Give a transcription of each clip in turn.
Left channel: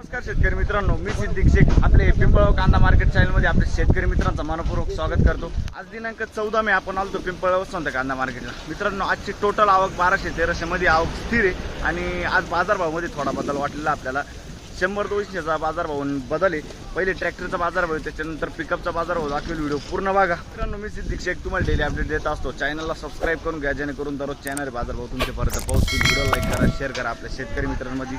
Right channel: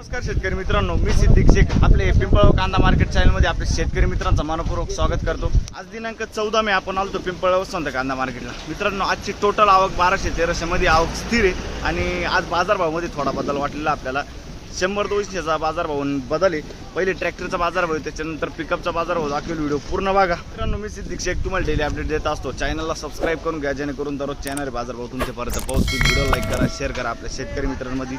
नमस्कार शेतकरी मित्रांनो, मी सिद्दीक शेख आपले पिंपळगाव कांदा मार्केट चॅनलमध्ये आपले शेतकरी मित्रांचा मनपूर्वक स्वागत करतो। आज दिनांक 14 मे आपण आलो पिंपळगाव वसंत कांदा मार्केटला। मित्रांनो, आजची टोटल आवक 1200-1300 मध्ये आवक स्थिर आहे आणि आज बाजारभावामध्ये थोडा बदल वाटलेला आपल्याला। 100-200चा बाजारभाव बदल आहे। पहिले ट्रॅक्टरचा बाजारभाव, त्याच्यानंतर पिकअपचा बाजारभाव दाखवेल। व्हिडिओ पूर्ण बघा मित्रांनो। मी सिद्दीक शेख तुम्हाला डेली अपडेट देत असतो। चॅनलला सबस्क्राईब करून घ्या, जेणेकरून दररोज चॅनल बाजारभाव तुमच्यापर्यंत पोहोचतील। व्हिडिओ लाईक करा, शेअर करा आपल्या शेतकरी मित्रांमध्ये।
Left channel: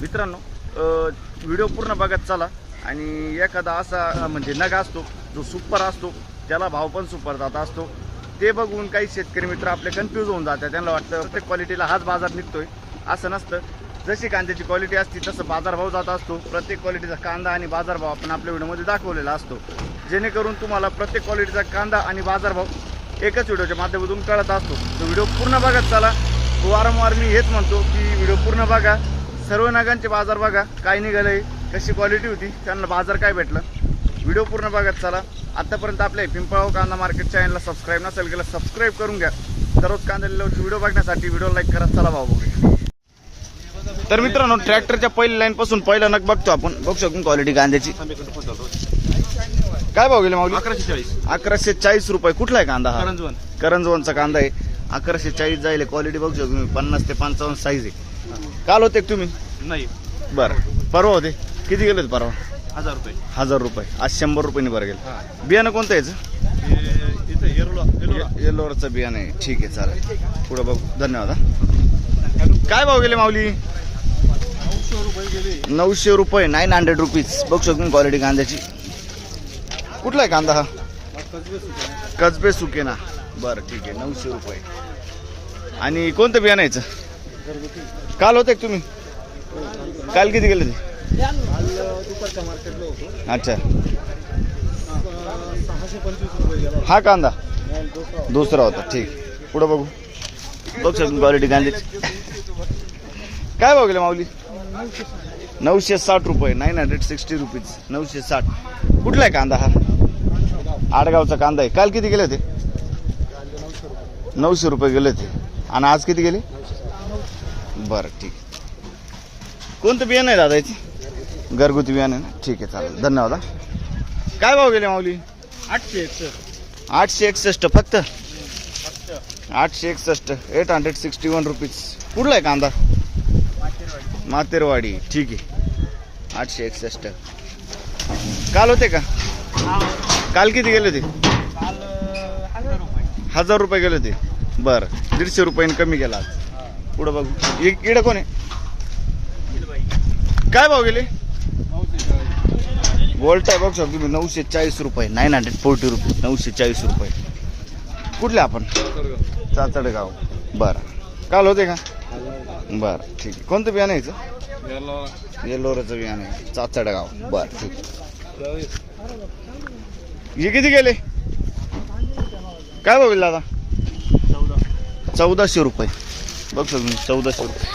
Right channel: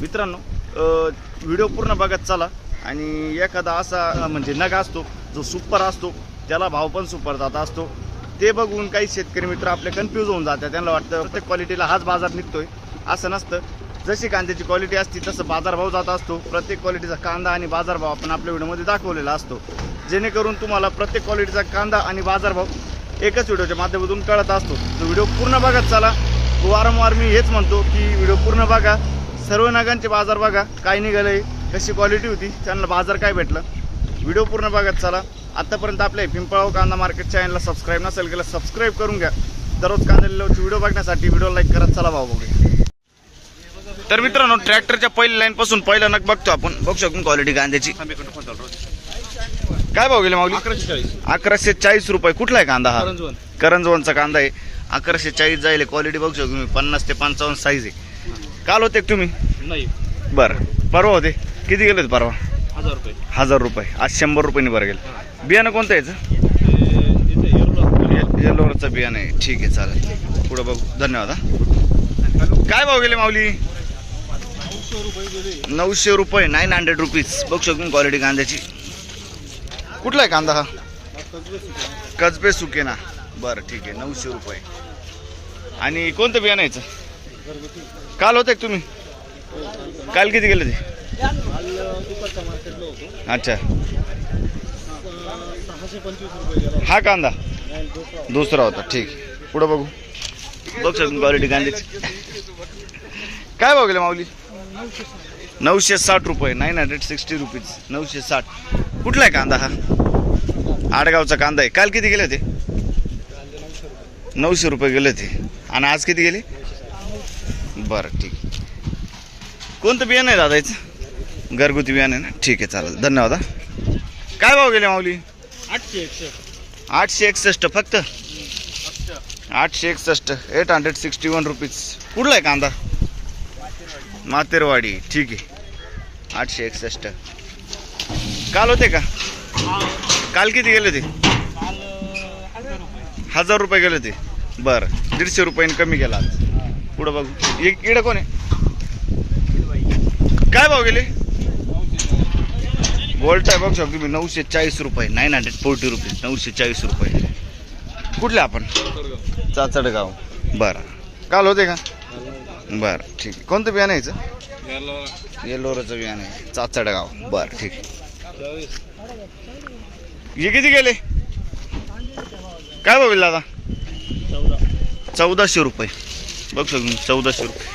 मित्रांनो, व्हिडिओ पूर्ण बघत चला। आणि एखादा असा म्हणजे नग असतो जो सुपर असतो, त्याला भाव पण सुपर जात असतो, ते बघून काही शेतकरी मित्र आपले कन्फ्यूज होऊन जातात। त्यांना वाटतं प्रत्येक क्वालिटीला हाच बाजार निघतोय, असं नसतं। जशी कांद्याची क्वालिटी असती तसं बाजारभाव जात असतो। प्रत्येक क्वालिटीचा कांदा आणि बाजारभाव आपण आपल्या व्हिडिओमध्ये दाखवलेला असतो, जेणेकरून तुम्हाला प्रत्येक क्वालिटीचा कांदा आणि बाजारभाव एकच व्हिडिओच्या माध्यमातून कळत असतो। तो व्हिडिओ पूर्ण बघत चला। वारंवार मी हेच म्हणतो की व्हिडिओ पूर्ण बघा, सर्व नगांचे बाजार बघा, काय निघालंय, कशी क्वालिटी होती, त्यांना बाजार काय भेटलं। व्हिडिओ पूर्ण बघत चला। आतापर्यंत आपल्या पिंपळगाव कांदा मार्केट चॅनलला सबस्क्राईब नसेल केलं, सबस्क्राईब करून घ्या। दररोज कांदा लिलावची व्हिडिओ बघण्यासाठी व्हिडिओ लाईक करत चला भाऊ बघूया। तर मित्रांनो, ट्रॅक्टरच्या पहिल्या लाईन पासून पहिला नग बघतो आपण। बघू शकतो क्वालिटी कांद्याची। काय भाव गेले माऊली? 1140 रुपये। कुठला आहे कांदा हा? करंजवनचा कांदा आहे। 1140 जाईल। क्वालिटी बघू शकतो तुम्ही, 50 ते 55 साईज आहे। काल होते तुम्ही? नाही, बरं परवा होते। किती गेले होते परवा? 1000 रुपये। 1000 रुपये। आज 100 रुपयांनी बरं गेलं। बियाणं कोणतं याचं? येलोरचं बियाणं आहे। ठीक आहे, चालेल, पुढे बघू। धन्यवाद। काय भाव गेले माऊली? 900 रुपये। 900 रुपीज। बघू शकतो क्वालिटी कांद्याची। कुठला आहे कांदा हा? कसबे सुकेना। बरं, ठीक आहे, 900 रुपये। आणि कोणतं बियाणं यायचं? काल होते तुम्ही? काल किती गेले ते? दुपारच्या मार्केटला होतो। अच्छा, 625 रुपये गेला हा कांदा दुसरा होता। ठीक, पुढे बघू। बघ शकतो क्वालिटी कांद्याची। काय भाव गेले माऊली? 960 रुपये। 960 रुपीज। 960। कुठला आहे कांदा हा? आडगावचा कांदा आहे। काल किती गेले होते? 900 रुपये गेले होते। आणि आज किती गेले? बरं, ठीक। कोणतं बियाणं आहे दादा याचं? घरगुती बियाणं आहे ना? ठीक आहे, चालेल, धन्यवाद। काय भाव गेले माऊली? 861 फक्त। 861। 861 रुपीज। कुठला आहे कांदा? मातेरवाडी। ठीक आहे, 861। काल होते का? काल किती गेले होते? 1000 रुपये गेले होते। बरं, 150 रुपयांनी कमी गेला आज। पुढं बघू। इकडं कोण आहे? काय भाव गेले? गोल्ट आहे बघू शकतो तुम्ही, 940 रुपये। 940 रुपीज। 940 रुपये। कुठले आपण? चाचडगाव। बरं, काल होते का? बरं, ठीक आहे। कोणतं बियाणं यायचं? येलोरचं बियाणं आहे, चाचडगाव। बरं, ठीक आहे। हे किती गेले? काय भाव गेला दादा? 1400 रुपये। बघ शकतो 1400 रुपये।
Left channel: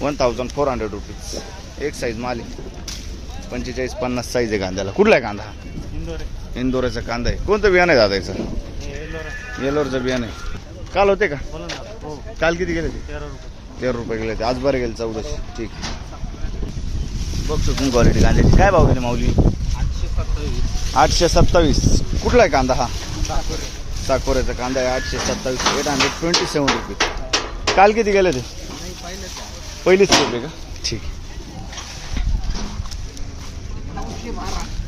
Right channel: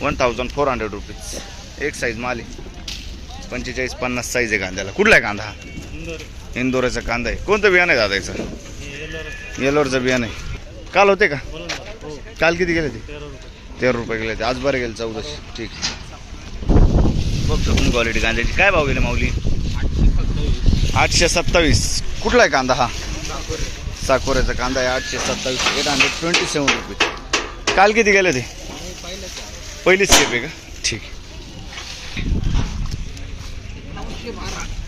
1400 रुपीज। एक साईज माल आहे। 45-50 साईज आहे कांद्याला। कुठला आहे कांदा हा? इंदोरचा कांदा आहे। कोणतं बियाणं आहे दादा याचं? येलोरचं बियाणं आहे। काल होते का? काल किती गेले ते? 13 रुपये गेले ते। आज बरं गेले 1400। ठीक आहे, बघ शकतो क्वालिटी कांद्याची। काय भाव गेले माऊली? 827। कुठला आहे कांदा हा? साकोऱ्याचा कांदा आहे। 827। 827 रुपये। काल किती गेले ते? पहिलीच स्टेप आहे का? ठीक आहे,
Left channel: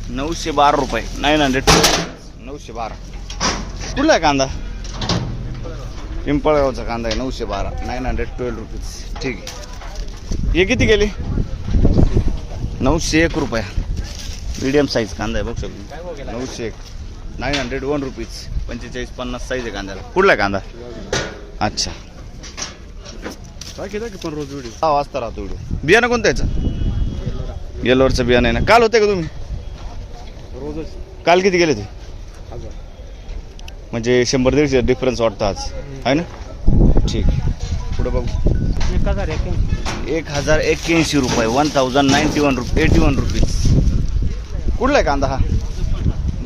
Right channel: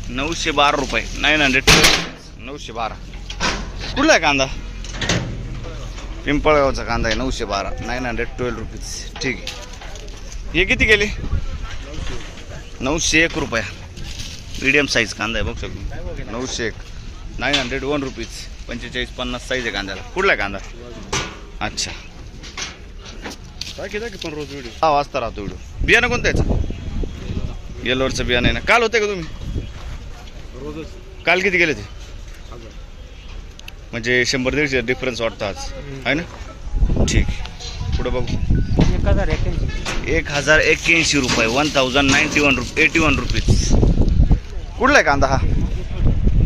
912 रुपये। 912। कुठला आहे कांदा? पिंपळगावचा कांदा आहे। 912। 912 रुपीज। ठीक आहे, हे किती गेले? 901 रुपया। मीडियम साईज कांदा आहे बघू शकतो। 901। 901 रुपीज। 45-50 साईज आहे कांद्याला। कुठला आहे कांदा? अच्छा, 6 वाजता राहतो व्हिडिओ। बियाणं कोणतं याचं? येलोरचं बियाणं आहे ना? काल होते का तुम्ही? काल किती गेले ते? म्हणजे 100-150 डिफरन्स वाटतं आज, आहे ना? ठीक, पुढे बघू। 1081 रुपये। 1091 रुपीज। कुठला आहे कांदा हा?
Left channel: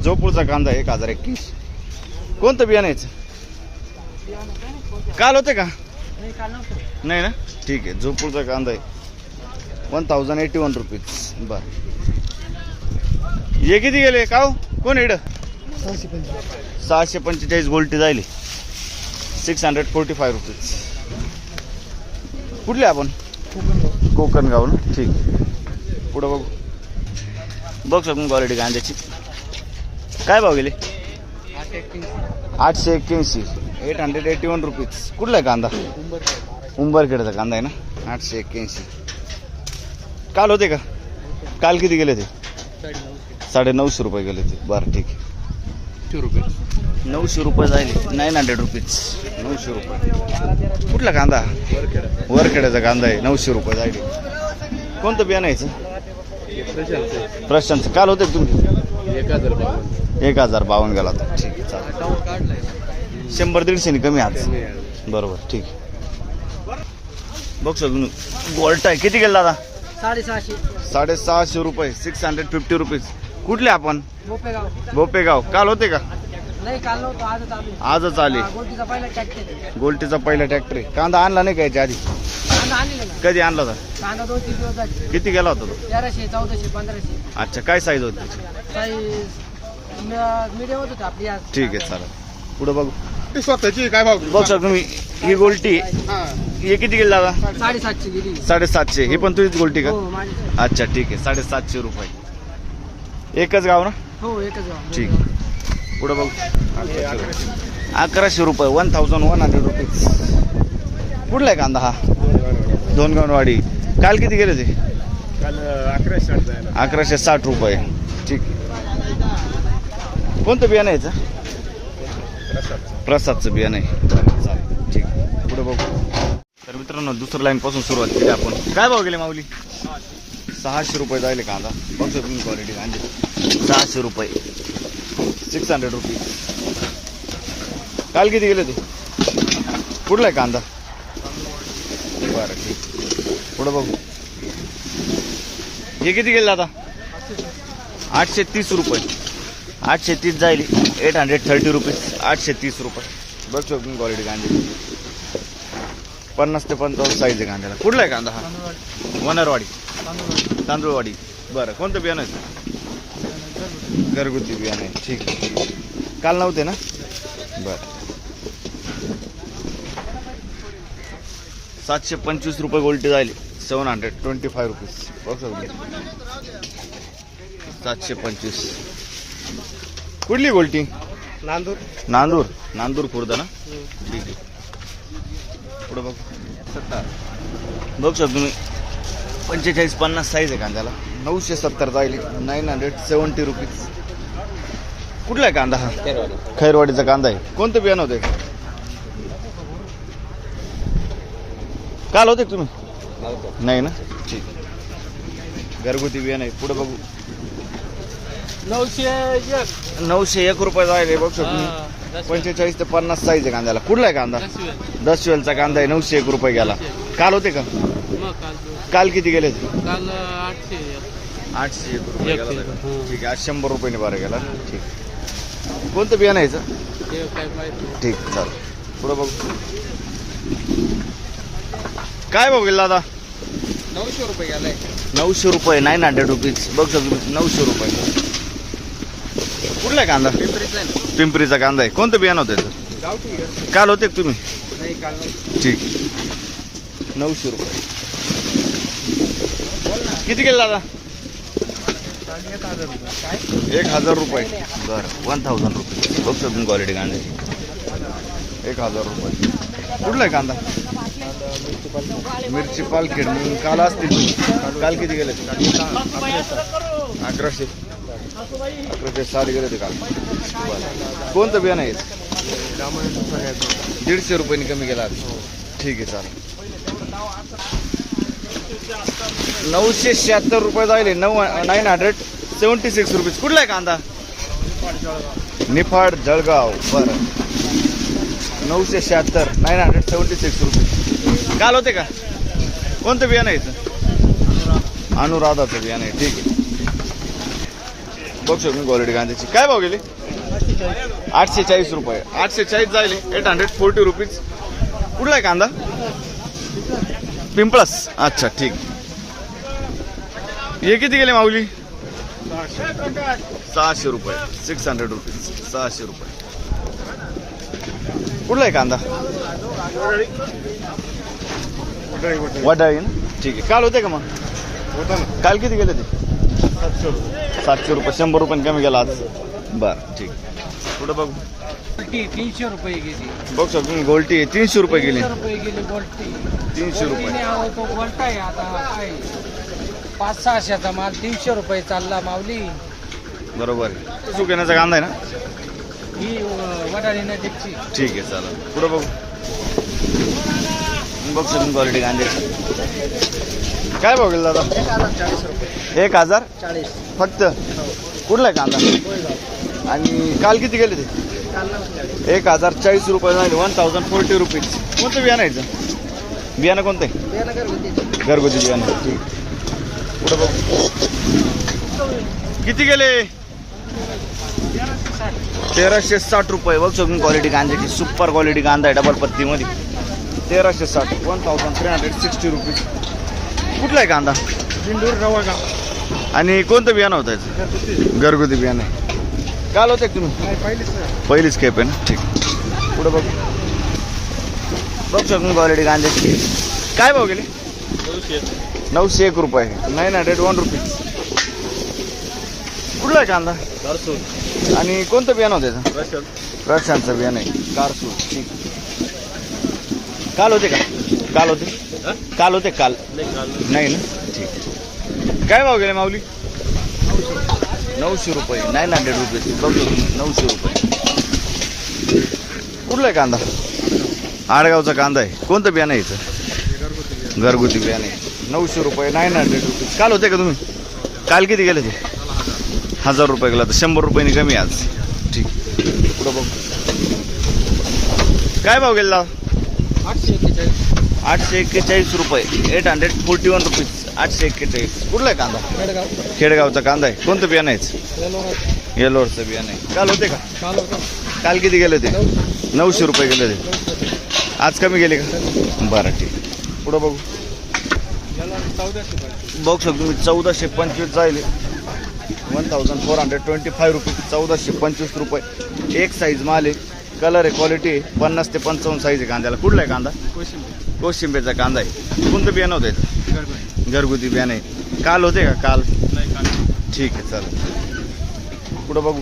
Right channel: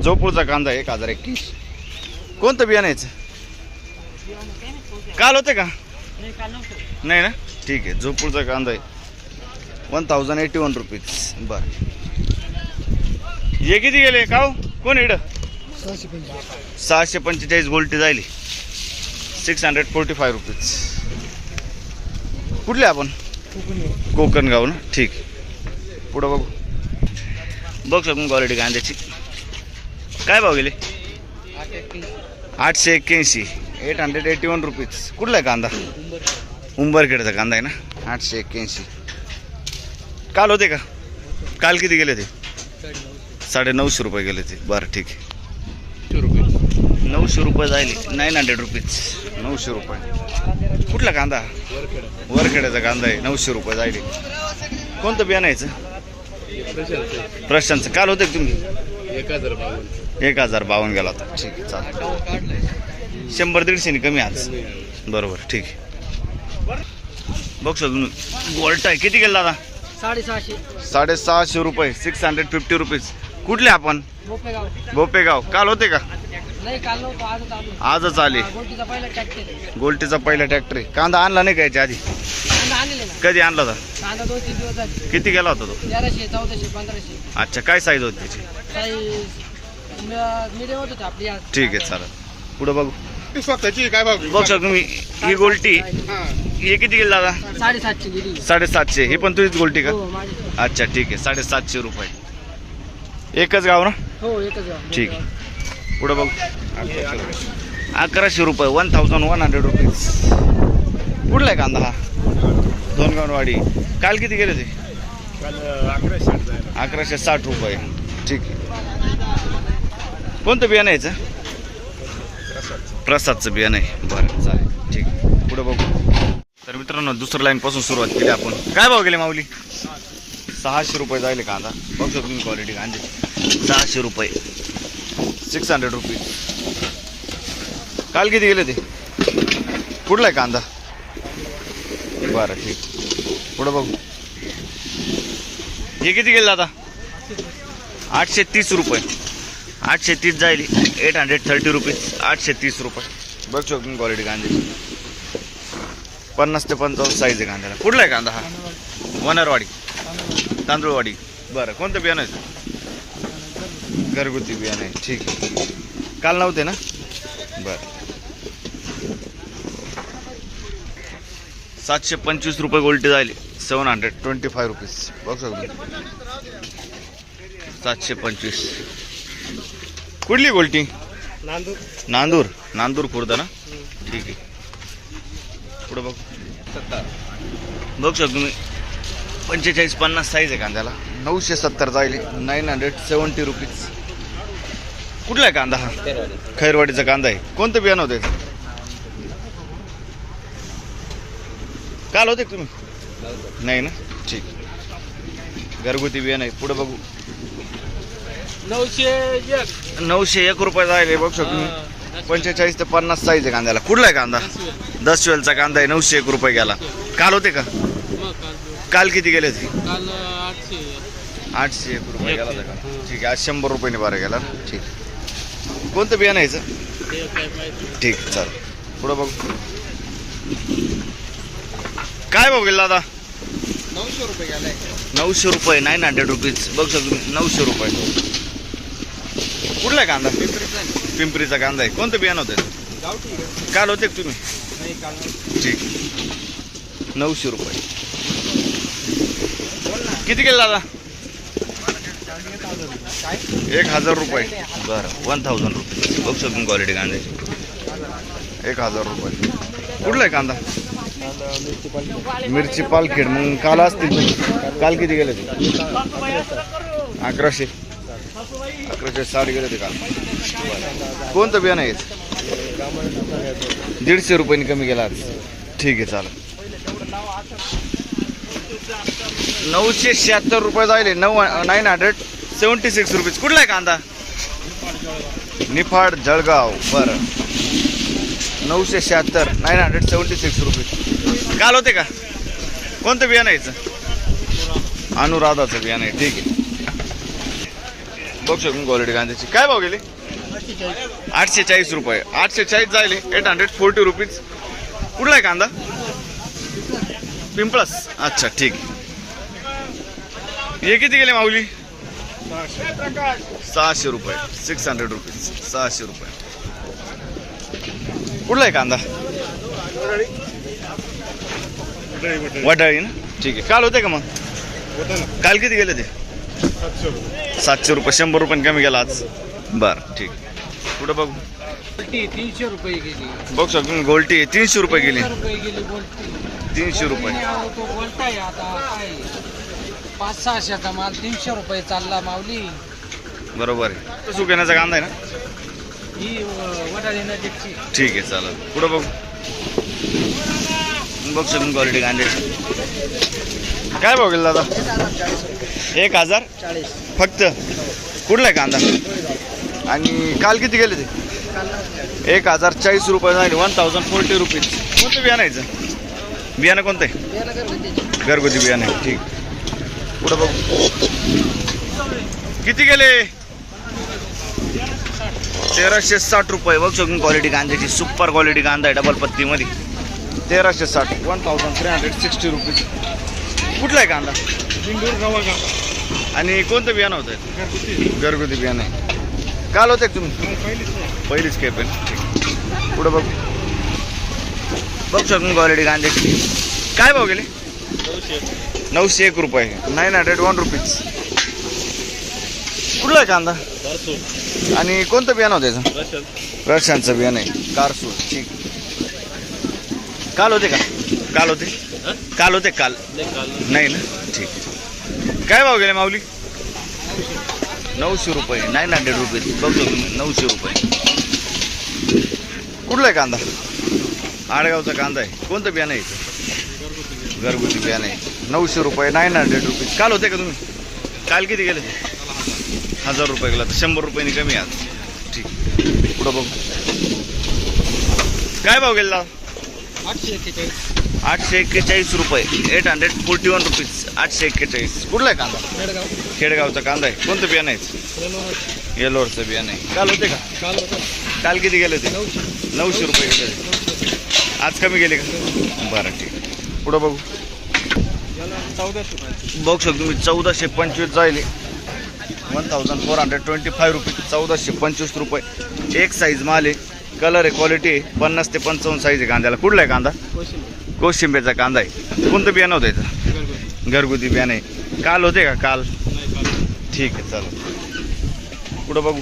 जोपूरचा कांदा आहे। 1081। कोणतं बियाणं याचं? काल होते का? नाही ना? ठीक आहे, जोपूरचा कांदा आहे। 1081 रुपीज. बरं, हे किती गेले का हो? कोण इकडं? 645 गोल्टी जायली. 645 रुपीज. कुठले आपण? कोकणगाव ना. ठीक. पुढं बघू. बघ शकून क्वालिटी कांद्याची. काय भाव गेले? 881. 881 रुपीज. कुठला आहे कांदा? उंबरखेडचा कांदा आहे ना. 881. काल होते का? काल किती गेले ते? 950 रुपये गेले ते. बरं, ठीक आहे. 900 रुपये जायले. 900 रुपीज. 900 रुपये. कुठला कांदा? वरखेड्याचा कांदा आहे. 900 रुपये जायले. कोणतं बियाणं यायचं? प्रशांतचं. काल होते तुम्ही? 1052 गेला होता. ठीक आहे, चालेल. 100-150 कमी आज. बरोबर, ठीक आहे. बघ तुम्ही गोल्ट आहे. किती गेला दादा? 650 रुपये. 650 रुपीज. कुठले आपण? बोपेगाव. काल होते का? नाही, काल नव्हतं, आजच आले. गोल्टीचा पहिला ट्रॅक्टर आहे. कांदा आणला नाही का याच्या आधी? कधी आणला होता? कांदा 2-3 दिवस झाले. किती गेला होता तो? 1300, 1400, 1500 अच्छा, काय साईज होती त्याची? मीडियम होत आपली आज. ठीक आहे, चालेल. पुढे बघू. काय भाव? बघ सर तुम्ही, ही गोल्टी हे किती गेली दादा? 750 गेली. 750. ही पण तुझीच गोल्टी का? हो, माझी. अच्छा, ठीक आहे. 750 रुपये. एकच गाव ना? हो, एकच गाव. ठीक आहे. पुढे बघू. 1100 रुपये. 1100 रुपीज. कुठला आहे कांदा हा? धोनगाववाडी. काल किती गेले ते? काल 1160. 1160 रुपये. ठीक आहे. कोणतं बियाणं यायचं? प्रसादचं बियाणं आहे. बरं, चालेल. ठीक आहे. पुढे बघू. तर मित्रांनो, दुसऱ्या लाईन पासून सुरुवात केली आपण. काय भाव गेले माऊली? 600 रुपये जायले कांदा. बघतो तुम्ही क्वालिटी कांदे. 600 रुपये. 600 रुपीज. काल किती गेले ते? कुठला आहे कांदा? बरं, ठीक. पुढं बघू. हे किती गेले आता? 830 रुपये. 830 जायली. 830 रुपीज. 830 रुपये. बघतो तुम्ही क्वालिटी कांद्याची. 50 ते 55 साईज आहे कांद्याला. कुठला आहे कांदा हा? वनरवाडी. तांदूळवाडी. बरं, कोणतं बियाणं आहे? घरगुती बियाणं आहे. ठीक आहे. काल नव्हते ना? बरं. 725 रुपये गोल्टी जायले. 725 रुपीज. बघ शकतो. 725. कुठली गोल्टी? नांदूर खुर्द ना. ठीक आहे. पुढे बघ. बघ शकतो तुम्ही. 45-50 साईज आहे कांद्याला. 970 जायले. 970 रुपीज. कुठला आहे कांदा हा? खैरवाडीचा कांदा आहे. कोणतं बियाणं होतं? काल होते तुम्ही? नाही ना. ठीक. घरगुती बियाणं आहे. पुढे बघू. 901 रुपये जायले. बघ शकतो तुम्ही. 45 ते 50 साईज आहे कांद्याला. कुठला आहे कांदा? 10 वेलचा कांदा आहे. 901 रुपये गेला. काल होते का? काल किती गेले ते? काल 801 रुपये गेला. ठीक आहे. आज 100 रुपयाने बारा गेला. ठीक. कोणतं बियाणं यायचं? ठीक, चालेल. पुढं बघू. काय भाव गेला दादा? 900 रुपये गेलाय. 900 रुपये. 900 रुपीज. बघ शकतो. 900 रुपये. कुठला आहे कांदा? पिंपरीचा कांदा आहे. कोणतं बियाणं होतं? काल होते तुम्ही? नाही, काल नव्हतं. ठीक. 900 रुपये. किती गेला दादा? 1000 रुपये. बरं, 1000 रुपये. बघ शकतो क्वालिटी कांद्याची. 1000 रुपये. कुठला आहे कांदा? मिरची पालखेड. मग काल असतील. काल किती गेले? 1160 गेले ते काल. बरं, कोणतं बियाणं आहे? 150 रुपयांनी कमी गेला. ठीक आहे, चालेल. 976 रुपये जायले. 976 रुपीज. कुठला आहे कांदा? निफाड जळगाव. बरं, 976. 976 रुपीज. काल होते का? कोणतं बियाणं यायचं? अनुराधाचं बियाणं आहे. ठीक आहे. बघ शकतो क्वालिटी कांद्याची. काय भाव गेले? 840 रुपये. 840 जायले. 840 रुपीज. कुठला आहे कांदा? पिंपळस. अच्छा, ठीक. हे किती गेले माऊली? 600. 600 रुपये. 600 रुपीज. 600 रुपये. कुठला आहे कांदा? वडाळी ना. ठीक आहे. काल होते का मग? होता ना. काल किती गेले ते? 700 रुपये. 700 रुपये. 100 रुपये कमी गेला आज. बरं ठीक आहे. पुढं बघू. गोल्टी 300 रुपये गेली. बघू शकतो तुम्ही गोल्टी 300 रुपये गेली. 300 रुपये गेली गोल्टी. 300 रुपये. तो गोल्टा आहे आता काय 500-600चा माल 300 रुपये चालला माऊली. बरोबर आहे. सुकण्याचा कांदा आहे ना. ही वडाळी नजीकची. ठीक आहे चालेल. पुढं बघू. बघू शकतो क्वालिटी कांद्याची. काय भाव गेला दादा? 40 रुपये. 1040 फक्त. कुठला आहे कांदा? आणि काल किती गेले ते? 1040 रुपये झाले. 1040 रुपीज. कोणतं बियाणं यायचं? बियाणं कोणतं आहे? घरगुती बियाणं आहे. ठीक. पुढं बघू. किती गेले? 1360 रुपये. बघ शकून क्वालिटी कांद्याची. सुपर क्वालिटी कांदा आहे डबल पत्तीमध्ये. 1360. 1360 रुपीज. कुठला आहे कांदा? इंदूर रवा गाव. आणि कोणतं बियाणं होतं याचं? घरगुती बियाणं आहे. काल होते का तुम्ही? नाही पहिलीच नाही. पहिलीच खेप आहे ना. ठीक. पुढं बघ. बघ शकून क्वालिटी कांद्याची. काय भाव गेले? 901 रुपये. 901 रुपीज. कुठला आहे कांदा? आणि कोणतं बियाणं होतं याचं? रशांचं बियाणं आहे. कारसूर. ठीक. काल होते का? काल होते? काल होते काल? नाही ना. ठीक. काय भाव गेले माऊली? 900 रुपये. 900 रुपये. बघतो तुम्ही 900 रुपये. कुठला आहे कांदा? आडगावचा कांदा आहे. कोणतं बियाणं आहे याचं? घरगुती बियाणं आहे. 900 रुपये. 900 रुपये. काल होते का तुम्ही? काल किती गेले ते? 1000 रुपये गेला. तर 100 रुपयांनी कमी आज. ठीक. पुढं बघू. काय भाव गेला? 841 रुपये. 841 रुपीज. 841. कुठला आहे कांदा? खेडगावचा कांदा आहे. कोणतं बियाणं आहे? येलोरचं बियाणं आहे. काल होते का? काल किती गेले ते? 900 रुपये गेले ते. आज कमी गेले का? बरं ठीक. पुढं बघू. बघू शकतो तुम्ही 1425 जाईल. 1425 रुपये. 1425 रुपये. एक साईज माल आहे. कलर आहे. क्वालिटी आहे. 50 ते 55 साईज आहे कांद्याला. कुठला आहे कांदा? कोशिंबीरचा कांदा आहे. कोणतं बियाणं होतं याचं? घरगुती बियाणं आहे. काल होते का? काल. ठीक आहे चालेल. पुढं बघू.